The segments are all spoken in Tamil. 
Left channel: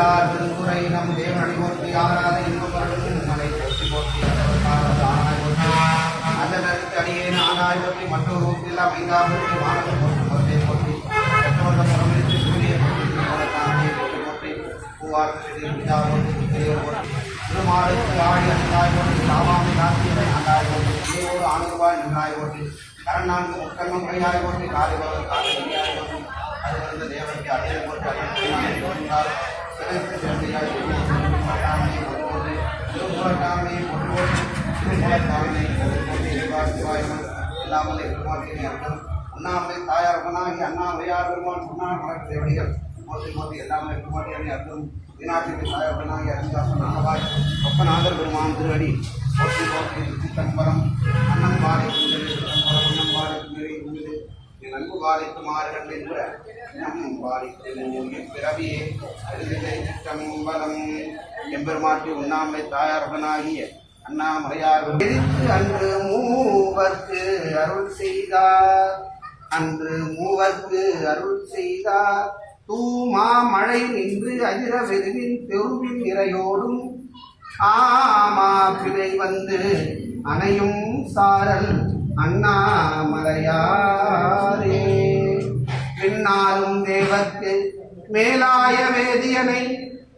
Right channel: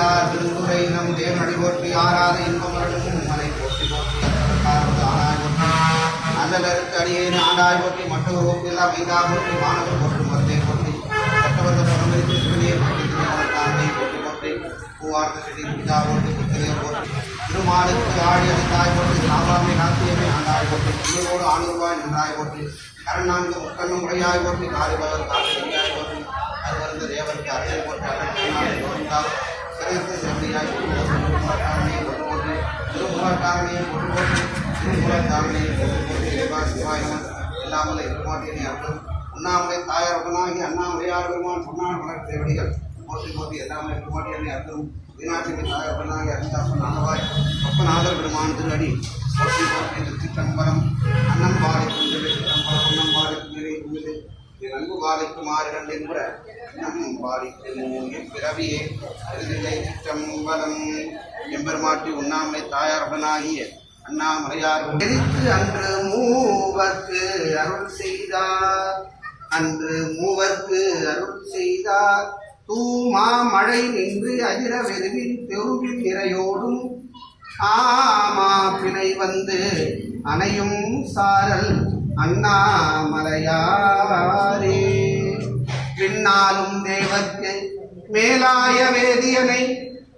ஈரார் திருமுறை நம் தேவனடி போற்றி ஆராத இன்பமரணும் மலை போற்றி போற்றி ஆனாய் போற்றி நல்ல கருத்து அடியேன் ஆண்டாய் போற்றி மற்றொரு ஓப்பில்லாம் ஐந்தா போற்றி மாணவர் போற்றி மருந்தே போற்றி மற்றவர்கள் பரமரித்து சிவனையை போற்றி திருமணத்தானே போற்றி போற்றி பூவார்த்த செடி பிதா போற்றி புத்திரையர் போற்றி திருமாலுக்கு ஆழியது தாய் போற்றி சாவாமி நாட்டியமே ஆண்டாய் போற்றி பிள்ளையோடு ஆணுருவாய் நின்றாய் போற்றி கரநான்கு முக்கண்ணம் முறையாய் போற்றி காலிபவர் காலை எரியாய் போற்றி அது வருந்த தேவனுக்கு அறையை போற்றி அகற்றினாய் தோன்றால் சிறந்த சிறந்தையாய் போற்றி திருமூலக்காரனையை போற்றி திருமூலக்காரனையை போற்றி திருமூலக்காரனையை போற்றி சிவாயம் எல்லாமலை பெருமாட்டினை அர்த்தம் உண்ணாமலை தாயாரவனாகி அண்ணாமலையார் பெருமான் சொன்னார் தேவடிகள் போற்றி போற்றி எல்லாமலை பெருமாட்டினை அர்த்தம் மீனாட்சி தாயாரவனாகி அருந்தாசன் நாகவாய் ஒப்பநாதர் பெருமான் திருவடி போற்றி போற்றி திருச்சிற்றம்பலம் அன்னம் வாழை குந்தது சிற்றம்பலம் அன்னம் வாழை குந்தரை குந்தது நன்கு வாழைக்கு மாறுகள் என்ப நம் வாழைக்கு பிறவியே அருதிலை சிற்றம்பலம் எம்பெருமாட்டி உண்ணாமலை தாயாருடனாகிய அண்ணாமலையார் எதிர்த்து அன்று மூவர்க்கு அருள் செய்தார் அன்று மூவர்க்கு அருள் செய்தார் தூமா மழை நின்று அகிர வெதுவின் பெருவின் நிறையோடும் ஆமா பிணை வந்து அணையும் சாரல் அண்ணாமலையாரே பின்னாலும் தேவர்க்கு மேலாய வேதியனை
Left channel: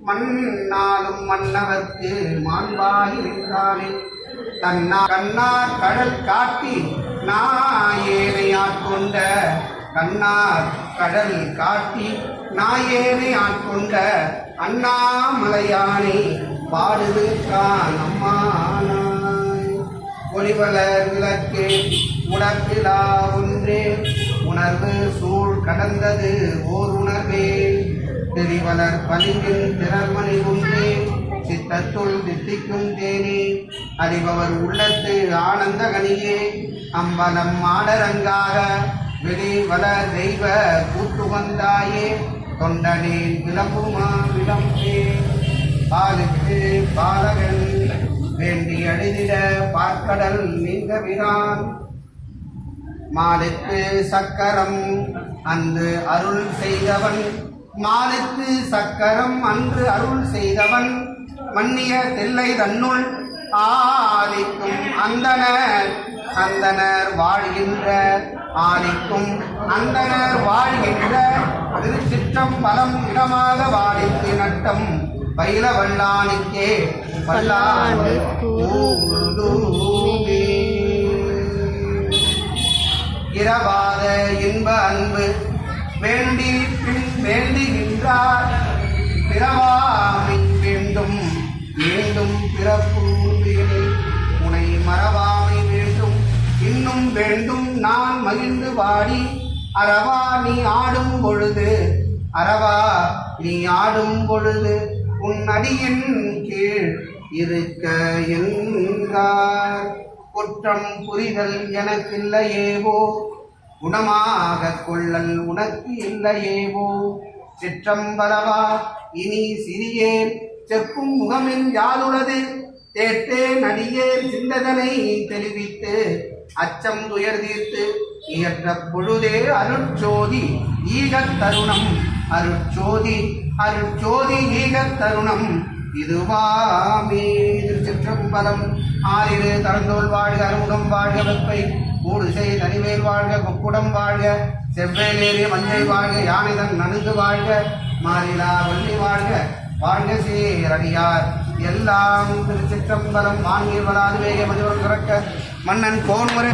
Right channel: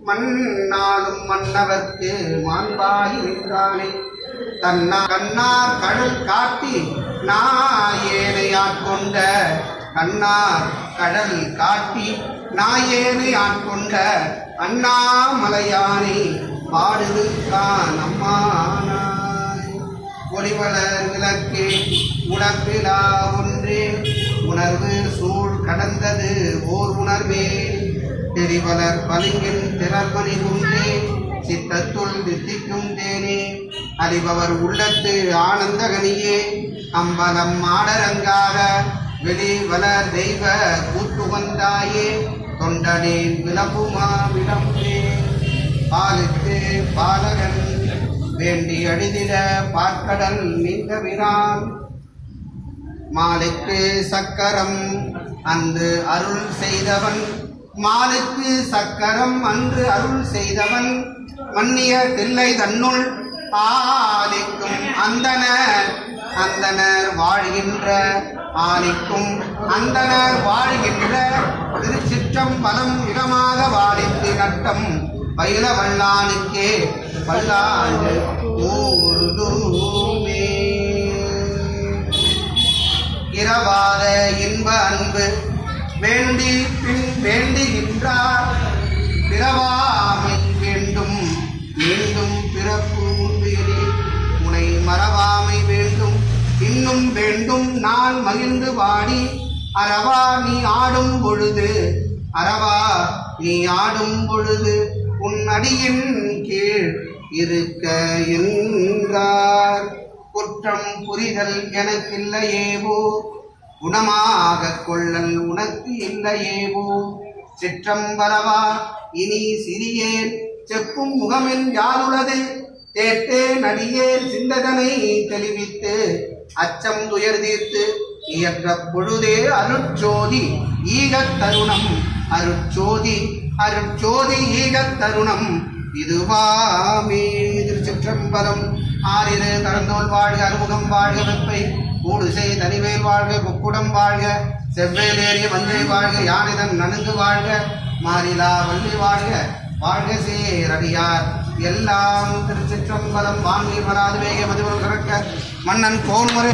மண்ணாலும் மன்னவர்க்கு மாண்பாகி நின்றானே கண்ணார் கடல் காட்டி நாயேனை ஆட்கொண்ட கண்ணார் கடல் காட்டி நாயேனை ஆட்கொண்ட அண்ணாமலையானை பாடுதுதான் அம்மானாய் ஒளிவளர் விளக்கே உடற்பிலா ஒன்றே உணர்வு சூழ் கடந்தது ஓர் உணர்வே தெரிவலர் பலிங்கின் திறமணி ஒன்றே சித்தத்துள் தித்திக்கும் தேனே அறிபவர் உள்ளத்து ஆனந்தகனியே அம்பலம் ஆடரங்காக வெளிவளர் தெய்வ கூட்டு வந்தாயே தொண்டனே விளம்புமா விளம்பே பாலித்து பாலகன் வேண்டி அழிதிட பார்க்கடல் நீங்கவினான் மாலுக்கு சக்கரம் அன்று அருள் செய்தவன் மாலுக்கு சக்கரம் அன்று அருள் செய்தவன் மன்னிய தில்லை தன்னுள் ஆதிக்கும் அந்தனர் வாழ்கின்ற ஆதிக்கும் அந்தனர் வாழ்கின்ற திருச்சிற்றம்பலம் இடமாக வாழித்து நட்டம் பயில வல்லானுக்கே பல்லாண்டு ஊடுமே இரவாத இன்ப அன்பு வேண்டி பின் வேண்டுகின்றார் பிறவாமை வேண்டும் மீண்டும் பிறப்பு வேணி உனை மறவாமை வேண்டும் இன்னும் வேண்டும் நான் மகிழ்ந்து வாடி அரவா நீ ஆடும் பொழுது அரவா நீ ஆடும் பொழுது உன் அடியின் கீழ் இருக்க என்றார் குற்றம் புரிதல் எனக்கில்லையேவோ குணமாக கொள்ளல் உனக்கு இல்லையேவோ சிற்றம்பலவா இனி சிறியேன் செப்பும் முகமென் யாருளது தேட்டேன் அடியேன் சிந்ததனை தெளிவித்து அச்சம் துயர் தீர்த்து இயற்ற பொழுதே அருட்சோதி ஈகத் தருணம் அருட்சோதி அருட்சோதி ஈகத் தருணம் இதுவாமே. திருச்சிற்றம்பலம். ஆறிரு தரந்தோல் வாழ்க, அறுமுகம் வாழ்க, வெப்பை கூடுசை தனிவேல் வாழ்க, கொக்குடம் வாழ்க, செவ்வேலேறிய மஞ்சை வாழ்க, யானைதன் நனுங்கு வாழ்க, மாறிலா வள்ளி வாழ்க, வாழ்க சேரடியார் எல்லாம். திருச்சிற்றம்பலம். வாங்கீர் வராது வேக மதுவரம் சுரக்க மன்னன் கோன்முறை